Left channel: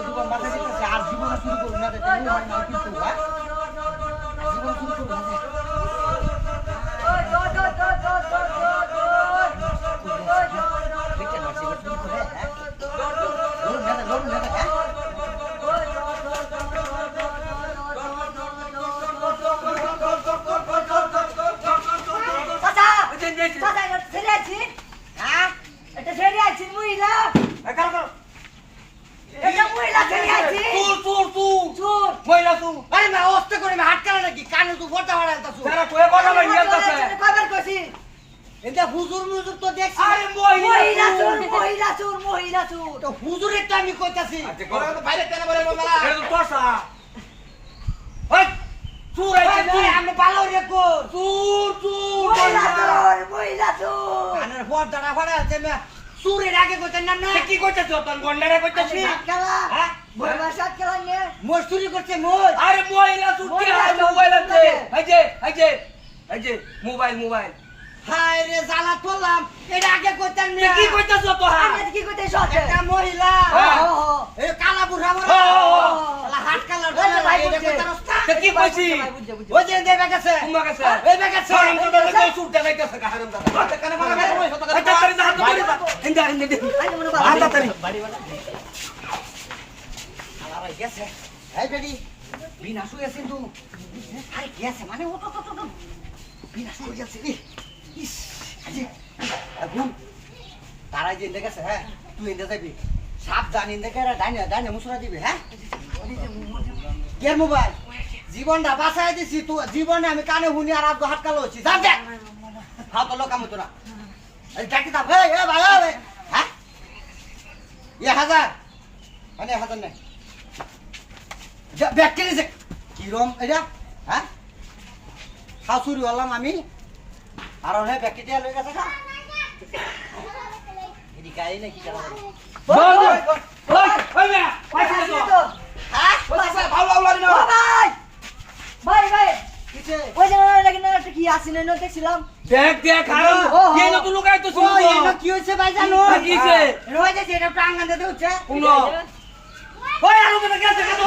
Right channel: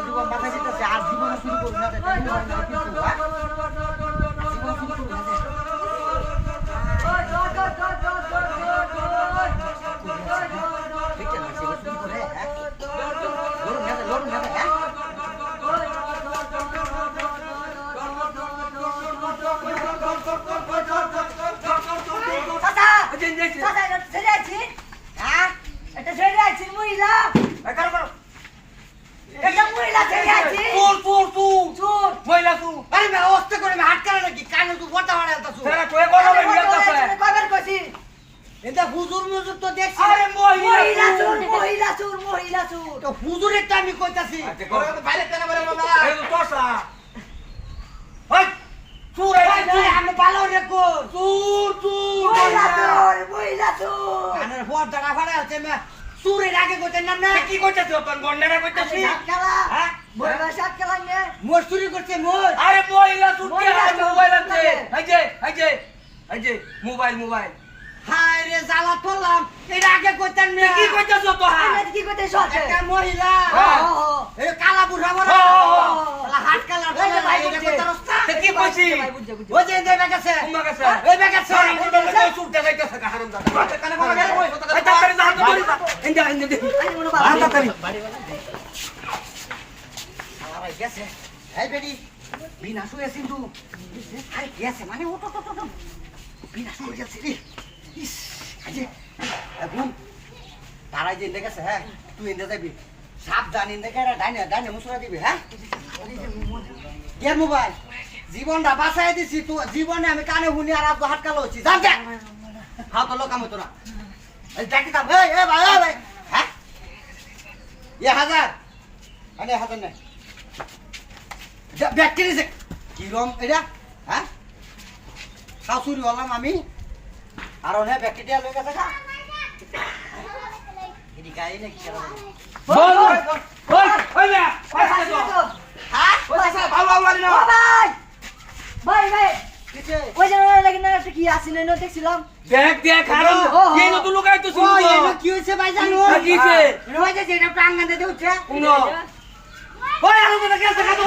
জীবন বাঁচাই দিতেছে আর জীবন শুরু করবি না কিন্তু জীবন শুরু করবি না আমি কইতাছি বাইরে কেন বলে মামা চুর আমি ভালো রেখো চুর কানের ফোর দাঁড়া ফাড়া আছে চুরের আগে কইতেন না না কি করতেছ তোর গন্ডারে কইতাছি খেলা মহিলা সাত খেলা নে মোর চুরি করছে মোর আরে মহিলা চুরি আর মোবাইল আছে এই যে মোবাইল হায় রে জ্বালা তোলাম এর আগে কইতেন না কি কইতাছ তো আমি কি কইতেছ একটা মহিলা এই কালা বুড়া বড় শালা হাত কালা বলে ভাই এটা কইতারস না কি কইছি ওই যে দেবে গেছে কুমা গেছে এই বেগেছে এই চুর দেখাইতেছে হারাম দাদা কানে বলা গেল ওই কথা এই তাড়াতাড়ি না হাত ধরি ইন্দা তাড়াতাড়ি শালা ভাই গেছে এই বেডি বিনা শুয়ে কিন্তু আরে গেছে মানে ও তো বিনা শুয়ে গেছে রে ইস আজি এখন তারাই যে দেখেছে হ্যাঁ তুই এনে যাবি সাবধান এনে দেখে ডাইনে মুসরা দিবি হ্যাঁ কে মোবাইল জীবনটা বাঁচাই দিছি তুই জীবনে আমি কানে শুনি আর আজ হাত কালো হচ্ছি জান দে হাও তো লোক আমি তোরা এই ডাকি দাও এই ভাই হ্যাঁ 1000 আরে 1000 নাই ব্যাগ কিনেছে কি রম এটা হ্যাঁ শাশুড়ি হলাম আমি আর ওহে ব্যাকটেরিয়া লই গেছে না এডি গাই না কি করা বল ওই না হ্যাঁ ওইসা ভালো আউলারি না ভাই কিছে ওই যে লাগি না একটা কি আসি না দেখছিলাম দেখ আরো এই নতুন লোক আইতো ছিল তো কি হইছে ভাই জানো কিছে রই যে এটা প্রাঙ্গণ দে উঠছে কোন ওই আরো মনে গেছে কত